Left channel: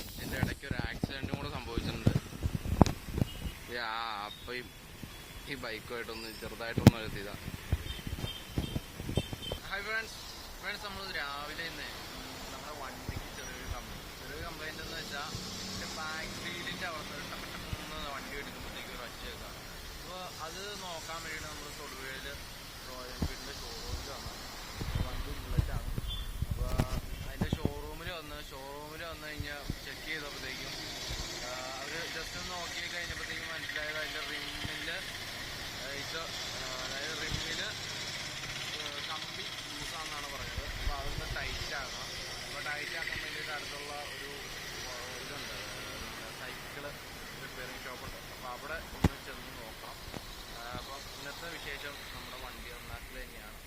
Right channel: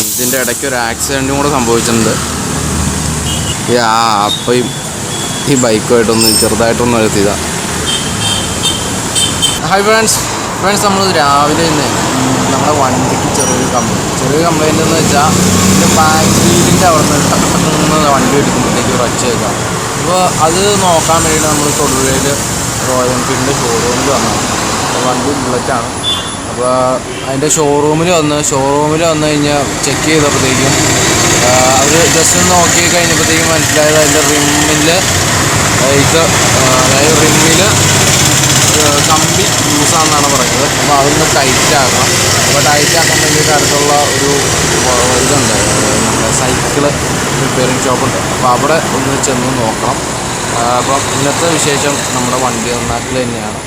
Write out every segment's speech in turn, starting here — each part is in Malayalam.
ഇതിൻ്റെ ഇടയ്ക്ക് ഒരു ആക്സിഡൻറ്റും കൂടെ സംഭവിച്ചിട്ടുണ്ട്. അപ്പം ഈ ബൈക്കുമായിട്ടൊന്ന് ചെറുതായിട്ടൊന്ന് എത്തിയതാണ്. ഹായ് ഫ്രണ്ട്സ്, നമ്മൾ രാവിലെ തന്നെ നമ്മുടെ വണ്ടിക്ക് ചെറിയൊരു കംപ്ലൈൻറ്റ് എന്ന് വെച്ചാൽ ഇതിൻ്റെ ബാക്ക് വീലിൻ്റെ അവിടെ നിന്ന് വണ്ടി എടുക്കുമ്പോഴത്തേക്ക് ഒരു ഒച്ച കേൾക്കാം. അപ്പോൾ അത് നോക്കാൻ വേണ്ടിയിട്ട് നമ്മൾ തൊടുപുഴയിൽ റോയൽ എൻഫീൽഡിൻ്റെ ഷോറൂമിൽ വന്നതാണ്. വണ്ടി ബുള്ളറ്റാണ്. അപ്പോൾ അതിൻ്റെ ഷോറൂമിൽ വന്ന് കഴിഞ്ഞാൽ ചെക്ക് ചെയ്തപ്പോഴത്തേക്കും അവർ ജസ്റ്റ് ഒന്ന് നോക്കി കഴിഞ്ഞപ്പോഴത്തേക്കും മനസ്സിലായത് അതിൻ്റെ റിമ്മിൽ അതായത് റിമ്മിൽ കമ്പി ലൂസാണെന്നാണ് പറയുന്നത്. അപ്പോൾ അതൊന്ന് ടൈറ്റ് ആക്കണം. അപ്പോൾ ടൈറ്റ് ആക്കാൻ വേണ്ടിയിട്ട് അടുത്തുള്ള ഒരു ഇതുണ്ട്, നമ്മുടെ സൈക്കിള് റിപ്പയറിങ് ഷോപ്പുണ്ട്. അപ്പോൾ അവിടെ ഒന്ന് ചെന്ന് നോക്കണം. അപ്പം ഇന്നത്തെ വിശേഷം നമ്മുടെ വണ്ടി നന്നാക്കൽ തന്നെയാണ്.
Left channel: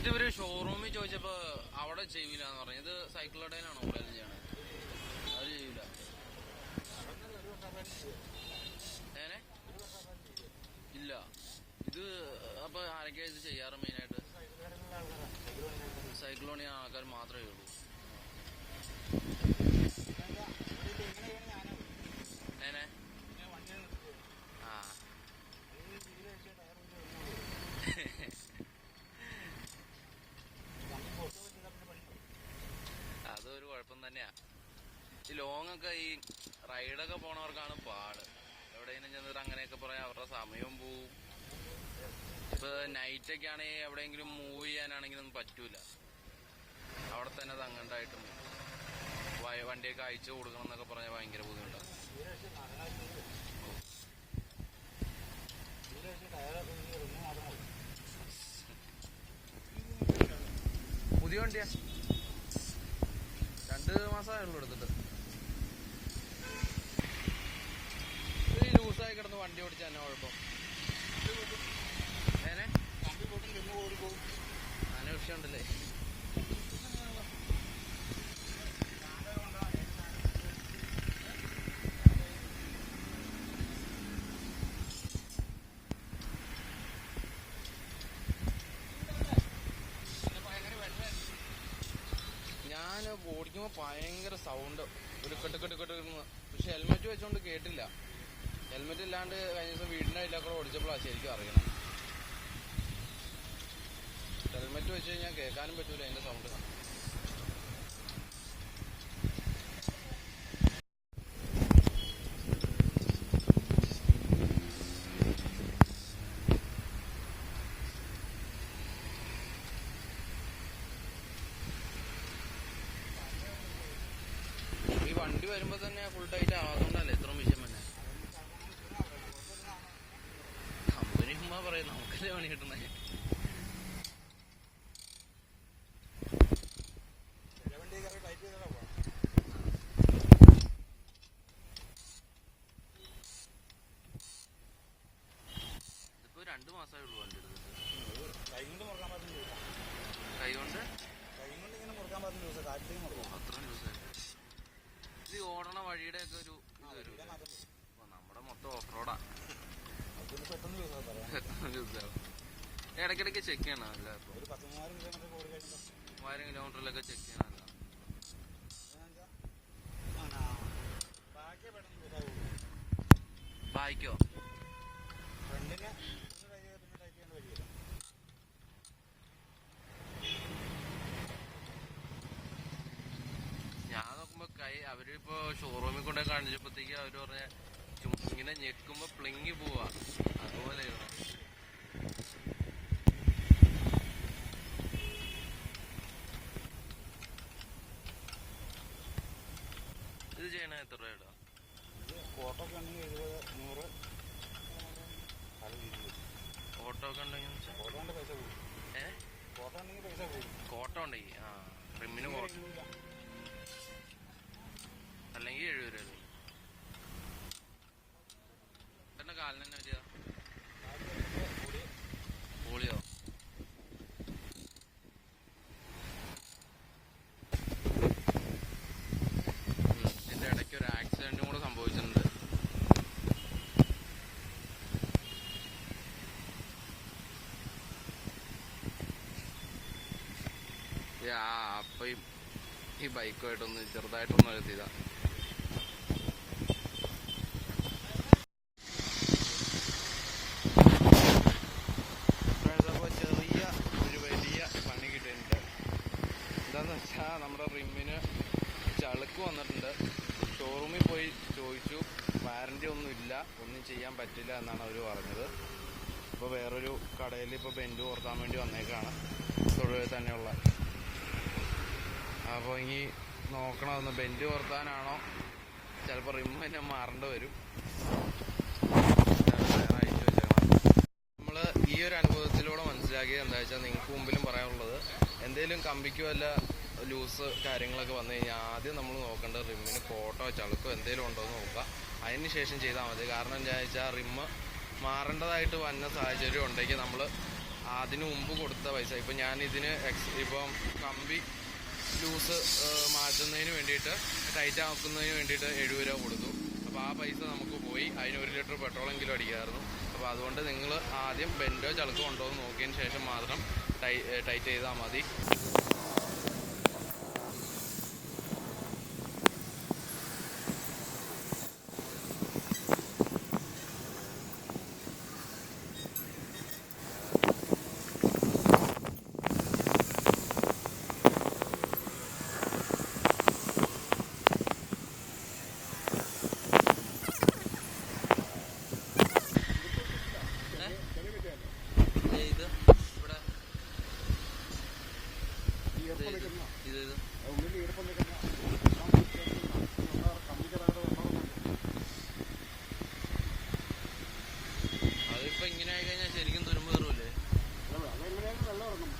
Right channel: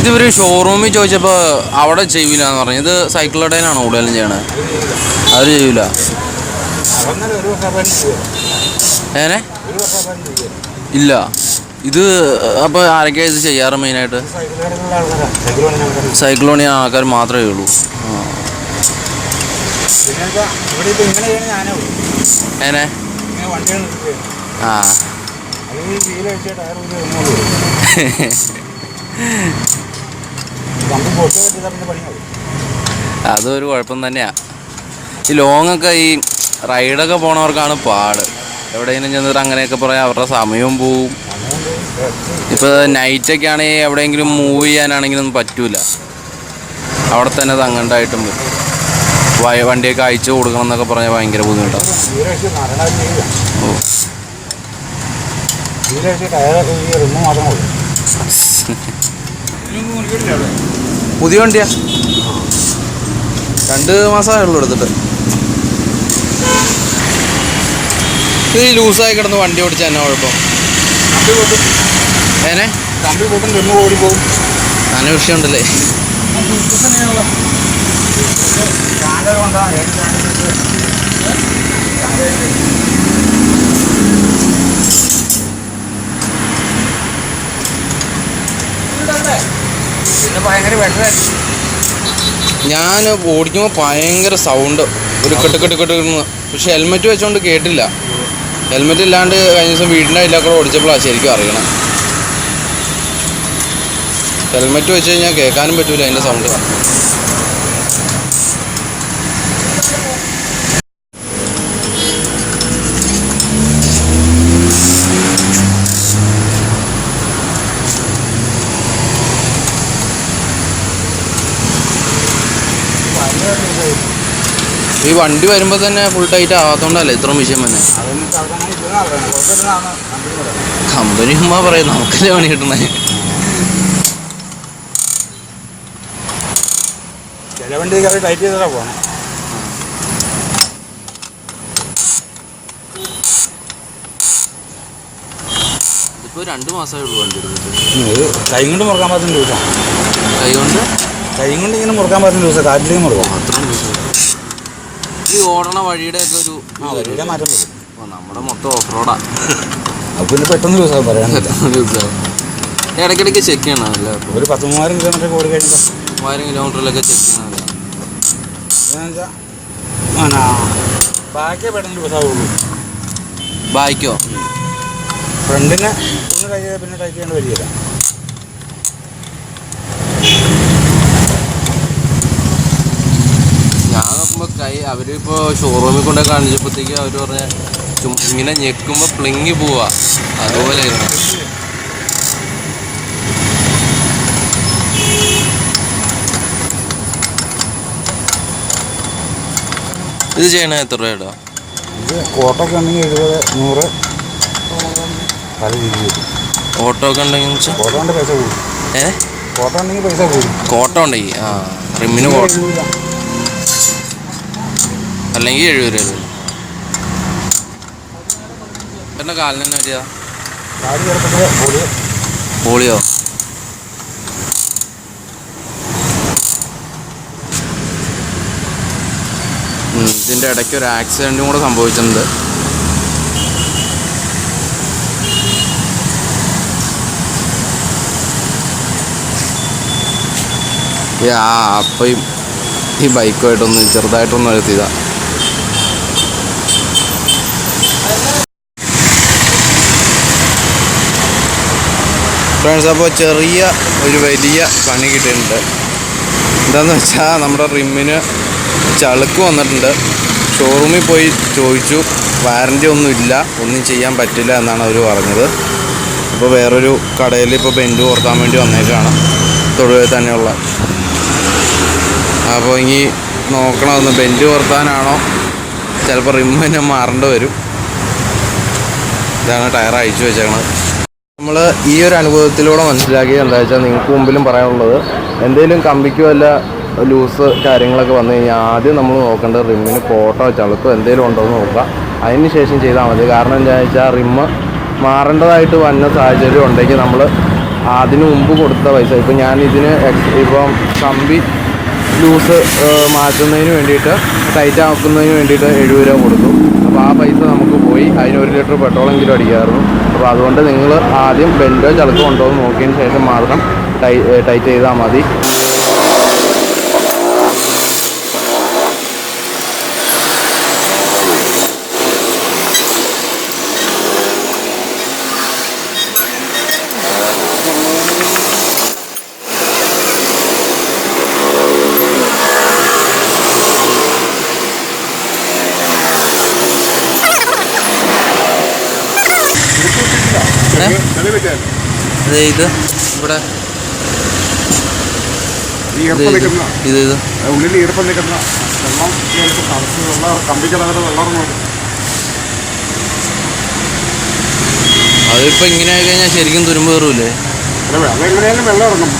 ഇതിവർ ഷോറൂമിൽ ചോദിച്ചപ്പോൾ അവിടെ ചെയ്യില്ല എന്ന് പറഞ്ഞു. ഇത് സൈക്കിൾ കടയിലാണോ കൂടുതലും ചെയ്യണത്? അവർ ചെയ്യൂല. ഏനെ ഇല്ല. ഇത് അപ്പോൾ ആരൊക്കെയാണ് ഇത് ചെയ്യാറ്? മെയിനായിട്ട് സൈക്കിൾ പണി ആൾക്കാർ മാത്രമേ ഉള്ളൂ. ഏനെ അതൊരു കുഴപ്പം തന്നെയാണ്. ഈ ലോങ്ങൊക്കെ ഈ റൈഡൊക്കെ പോണവർക്കാണ് പാട്. എവിടെയെങ്കിലും ചെന്നിട്ട് അങ്ങനെയൊക്കെ പറയാം, അവരുടെ സമയവും പോവും. ഇപ്പോൾ നൈറ്റൊക്കെ ആണെങ്കിൽ എവിടെയെങ്കിലും മൂവ് ചെയ്യാനാണെങ്കിലും ഒന്നും പറ്റൂല. അവിടെ തന്നെ തങ്ങണ്ടായിട്ടും പറ്റും. വണ്ടിയൊക്കെ അയച്ചു കൊടുക്കണം എന്നൊക്കെ പറഞ്ഞാൽ ഭയങ്കര ബുദ്ധിമുട്ടാണ്. പുതിയ വണ്ടിയാ, 2 മാസമേ ഉള്ളൂ എടുത്തിട്ട്. ഇത് ലൂസായി കിടന്ന് വണ്ടി ഓടിച്ചാൽ എന്നാ കുഴപ്പം? ഏനെ നല്ല വിഷയമുണ്ടല്ലേ? ഞാൻ ഓടിക്കുമ്പോൾ ഭയങ്കര സൗണ്ട്, ഒരു കെട്ട്. പക്ഷെ ഹെൽമെറ്റ് വെച്ചുകൊണ്ട് കേട്ടില്ല. ഹെൽമെറ്റ് ഇല്ലാണ്ട് കഴിഞ്ഞ ദിവസം വീടിൻ്റെ അതിലൊക്കെ ഓടിച്ചപ്പോഴാണ് ശരിക്കും അറിയണം. ഹെൽമെറ്റ് വെച്ച് കഴിഞ്ഞാൽ കേൾക്കാനും പറ്റൂല അതിൻ്റെ സൗണ്ട്. ഈ വണ്ടി വരുമ്പോൾ തന്നെ ഫുൾ ടൈറ്റ് ആകാത്തോണ്ടല്ലേ ഇത്ര വിഷയം തന്നെ. കമ്പനി ഉമ്മ പറയും, നമുക്കല്ലേ പണി കിട്ടണേ. ഇതിപ്പോ 2 മാസമേ ഉള്ളൂ വണ്ടി എടുത്തിട്ട്. കൈ കൊണ്ട് മുറുക്കാൻ പറ്റുന്ന ദിവസം, കൈ കൊണ്ട് ഇങ്ങനെ മുറുക്കാൻ പറ്റുന്ന ദിവസം കാറ്റിലേക്ക് മുറുക്കാം. അത്രയും ദിവസം ഈ ഓടണ വഴിയുടെ ഒക്കെ ഒരു മാറ്റം വരും. നമ്മുടെ മൊത്തം ഓഫ് റോഡാ. അപ്പോൾ പിന്നെ പെട്ടെന്ന് ദിവസം പറയാൻ ഇടയ്ക്കിടയ്ക്ക് ചെക്ക് ചെയ്യണം. അല്ല ഒരു 10,000 കിലോമീറ്റർ ഓടി കഴിയുമ്പോൾ 1000 കിലോമീറ്ററിലൊക്കെ ചെക്ക് ചെയ്യണം. ബാക്കേ പെട്ടെന്ന് ദിവസമാവുള്ളൂ. ബായ്ക്കോ? ഫ്രണ്ടിനെ ഒന്ന് ടൈറ്റ് ചെയ്താൽ പിന്നെ ടൈറ്റ് ചെയ്യേണ്ട വരികയില്ല. ഞാൻ നോക്കുമ്പോൾ അവരിപ്പോൾ ഷോറൂമിൽ കൊണ്ടേ കാണിച്ചപ്പോഴത്തേക്ക് അവർ പറഞ്ഞ ഇങ്ങനെ ഞെക്കുമ്പോൾ പ്ലിങ്ങി പോവാ, അതുപോലെ ഇത് ചെയ്യണ എത്ര രൂപയുടെ? ഇത് കോട്ടൊക്കെ ഉണ്ടെങ്കിൽ 70, 100 പല രീതിയിൽ. ഓട്ടോ ഒക്കെ ഉണ്ടെങ്കിൽ കോട്ട കൊണ്ട് പൈസ കൂടും. കോട്ട ഉണ്ടെങ്കിൽ പൈസ കൂടും. കോട്ട ഉണ്ടെങ്കിൽ റിമ്മിന് കോട്ട അല്ലെങ്കിൽ 70 രൂപ. എൻ്റെ കാലിന് തന്നെ വരിക പോളിയോ. ഇതിൻ്റെ ഇടയ്ക്ക് ഒരു ആക്സിഡൻറ്റും കൂടെ സംഭവിച്ചിട്ടുണ്ട്. അപ്പം ഈ ബൈക്കുമായിട്ടൊന്ന് ചെറുതായിട്ടൊന്ന് എത്തിയതാണ്. ഫ്രണ്ട്സ്, അപ്പോൾ ചെറിയ ഒരു വലിയ പണി കിട്ടിയിട്ടുണ്ട്. എന്താണെന്ന് വെച്ചാൽ നമ്മുടെ റിമ്മിന് ചളുക്ക് വന്നിട്ടുണ്ട്. ഷോറൂമിൽ പോയി ചോദിച്ചു, വാറൻറ്റി ഒന്നുമില്ല, ഒന്നും ചെയ്യാൻ പറ്റില്ല എന്നാണ് അവർ പറഞ്ഞത്. അപ്പോൾ വേറൊരു കടയിൽ ഇപ്പോൾ ബെൻഡ് ഓർക്കാൻ വേണ്ടി വന്നേക്കാണ്, തൊടുപുഴയിൽ തന്നെയുള്ള. അപ്പോൾ ഇനി നോക്കണമെന്ന്, ബെൻഡ് ഓർത്താനാണോ ചിലപ്പോൾ റിമ്മ് തന്നെ മാറേണ്ടി വരും. ഇതാണ് ടയർ അയച്ചു വെച്ചേക്കണത്. നമ്മൾ ഈ ഒരു അനുഭവത്തിലൂടെ മനസ്സിലാക്കിയത് എന്താ വെച്ചാൽ, നിങ്ങൾക്ക് മുമ്പിലും പറയാനുള്ളത്, എന്തെങ്കിലും കമ്പിക്ക് വല്ല ലൂസ് കാര്യങ്ങളൊക്കെ വന്നു കഴിഞ്ഞാൽ ആദ്യം നമ്മൾ നോക്കേണ്ടത് റിമ്മിന് കോട്ടോ ചളുക്കോ എന്തെങ്കിലും ഉണ്ടോ എന്ന് നോക്കുക. അതിന് ശേഷം ചെയ്താൽ മതി. കാരണം എന്താണെന്ന് വെച്ചാൽ, റിമ്മ് മാറേണ്ടതായിട്ട് വന്ന സാഹചര്യം ഉണ്ടെങ്കിൽ നമ്മൾ അതിന് മുമ്പ് കൊടുത്ത പൈസ, ഇപ്പം ഞാനിതിന് ഇപ്പം കമ്പി ലൂസ് മാറ്റുന്നതിന് വേണ്ടിയിട്ട്, ടൈറ്റ് ആക്കുന്നതിന് വേണ്ടിയിട്ട് 70 രൂപ കൊടുത്തു. അപ്പോൾ ആ പൈസ നമുക്ക് പോയി. അതിന് 1 ലിറ്റർ പെട്രോളെങ്കിലും അടിക്കാമായിരുന്നു. അപ്പോൾ അതുകൊണ്ട് നിങ്ങൾ ആദ്യം ബെൻഡോ ചളുക്കോ ഉണ്ടോ എന്ന് നോക്കിയതിന് ശേഷം മാത്രം ടൈറ്റ് ചെയ്താൽ മതി. ഇത് ഇവിടെ ഉള്ളിൽ ഈർപ്പം നിൽക്കുന്ന വെള്ളം കമ്പിക്കടയുടെ വെള്ളം. അതിപ്പോൾ ഇങ്ങനെ ആയി കഴിഞ്ഞാൽ ശരിക്കും തുരുമ്പ് കയറൂലേ? അതെങ്ങനെയാലും വെള്ളം ഇറങ്ങും.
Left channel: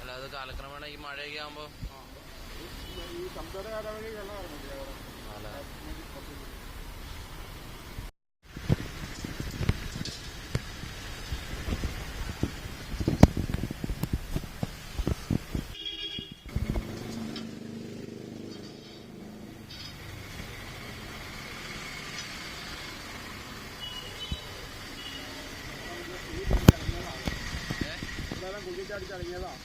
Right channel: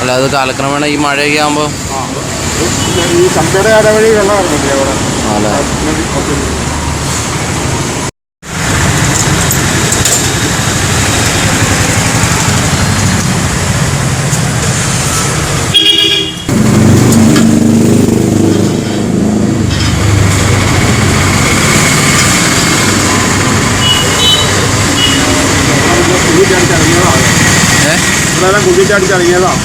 അല്ല, അത് കാലക്രമേണ ഈ മഴയൊക്കെ ആകുമ്പോൾ ഈ കമ്പിയുടെ അര വഴി വെള്ളം ഇറങ്ങില്ലേ അവിടെ. അല്ലേ? കുഴിച്ചടിച്ചിറങ്ങിയതാണ്.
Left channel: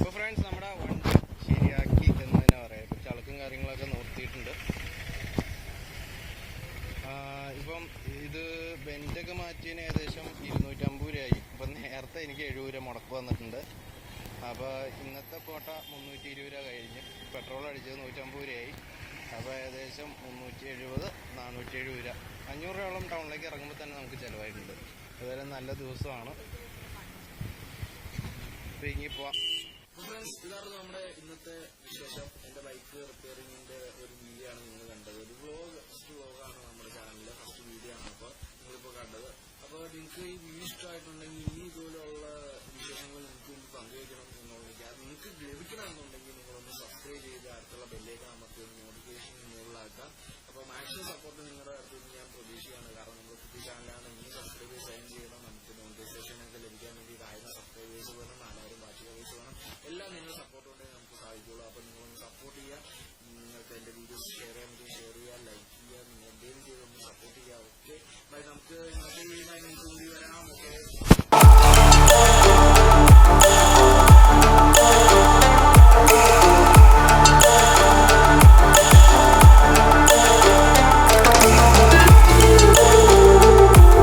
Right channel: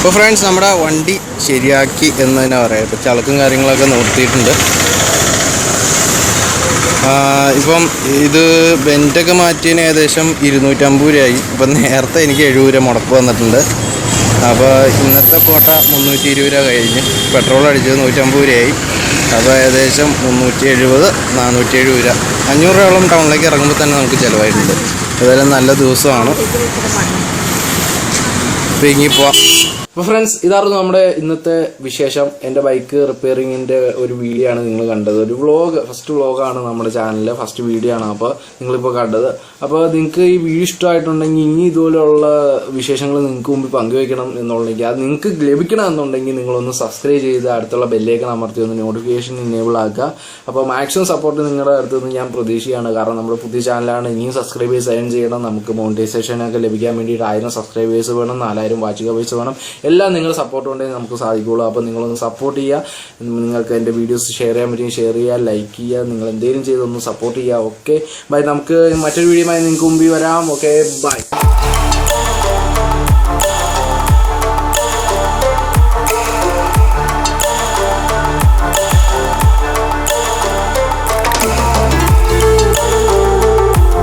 ഇപ്പോൾ ഫ്രണ്ട്സ്, നമ്മുടെ വണ്ടി ശരിയാക്കി എന്ന് തന്നെ പറയാം. ഇപ്പോൾ ചളുക്കും കാര്യങ്ങളൊക്കെ നിർത്തിയിട്ടുണ്ട്. ഇപ്പം ഇത് ബെൻറ്റൊക്കെ മാറ്റിയതിന് ഏകദേശം 250 രൂപയായി. ഇപ്പം നേരത്തെ എനിക്ക് 70 രൂപ മുടക്ക് വന്നിട്ടുണ്ട്. അപ്പോൾ ഇന്നത്തെ കോട്ട 320 രൂപ കഴിഞ്ഞ്, പെട്രോൾ അടിച്ചത് 150 രൂപയായി. അപ്പോൾ ഏകദേശം 370, 470 രൂപ, 500 രൂപയോളം ടൗണിലേക്ക് ഇറങ്ങുമ്പോൾ തന്നെ നമുക്ക് ചിലവായിട്ടുണ്ട്. ഏതായാലും നല്ല ദിവസമാണ്. അപ്പോൾ ഇനി പോവാം. അപ്പോൾ ഫ്രണ്ട്സ്, ഇതായിരുന്നു നമ്മുടെ ഇന്നത്തെ വിശേഷം. എൻ്റെ ബൈക്ക് റിപ്പയറിങ്ങിൻ്റെ ഒരു വീഡിയോ ആണ് നിങ്ങൾ കണ്ടത്. ഒരു ഫസ്റ്റ് വ്ളോഗാണ് നമ്മുടെ ചാനലിലെ ഫസ്റ്റ് വീഡിയോ ആണ് അപ്പോൾ നിങ്ങളിപ്പോൾ കണ്ടത്. അപ്പോൾ നിങ്ങൾക്ക് ഈ വീഡിയോ ഇഷ്ടമായിട്ടുണ്ടെങ്കിൽ ഇനി ഇതുപോലെയുള്ള വിശേഷങ്ങൾ നിങ്ങൾക്ക് മുമ്പിൽ പങ്കുവയ്ക്കണം എന്നുണ്ടെങ്കിൽ, അത് നിങ്ങൾക്ക് ലഭിക്കണം എന്നുണ്ടെങ്കിൽ നിങ്ങളൊന്ന് സബ്സ്ക്രൈബ് ചെയ്ത് അടുത്തുള്ള ബെല്ലേക്കൺ അമർത്തി ഒന്ന് നോട്ടിഫിക്കേഷൻ ഇനേബിൾ ആക്കുക. അപ്പോൾ മാക്സിമം സപ്പോർട്ട് നിങ്ങളുടെ അടുത്ത് നിന്ന് ഞാൻ പ്രതീക്ഷിക്കുകയാണ്. കാരണം നമ്മുടെ പുതിയ ചാനലാണ്, ഇനിയും സബ്സ്ക്രൈബേഴ്സ് സൈൻ ചെയ്യണം. നമുക്ക് മോണിറ്റൈസേഷനൊക്കെ ലഭിക്കാൻ വേണ്ടിയിട്ട് 1000 സബ്സ്ക്രൈബേഴ്സ് വേണം, 4000 വാച്ചിങ് അവേഴ്സ് വേണം. എല്ലാം നിങ്ങളുടെ സപ്പോർട്ട് കൊണ്ടേ നമുക്ക് സാധിക്കുകയുള്ളൂ. അപ്പോൾ നിങ്ങളൊന്ന് സപ്പോർട്ട് ചെയ്യുക. നിങ്ങൾക്ക് എൻ്റെ വീഡിയോസ് ഷെയർ ചെയ്യാൻ പറ്റുമെങ്കിൽ ഷെയർ ചെയ്യുക, ലൈക്ക് ചെയ്യുക, നിങ്ങൾ എന്തെങ്കിലും ചെയ്തൊന്ന് സപ്പോർട്ട് ചെയ്യുക. Okay bye. നമുക്ക് മറ്റൊരു വീഡിയോയുമായി നിങ്ങൾക്ക് മുമ്പിൽ വരാം. Okay bye.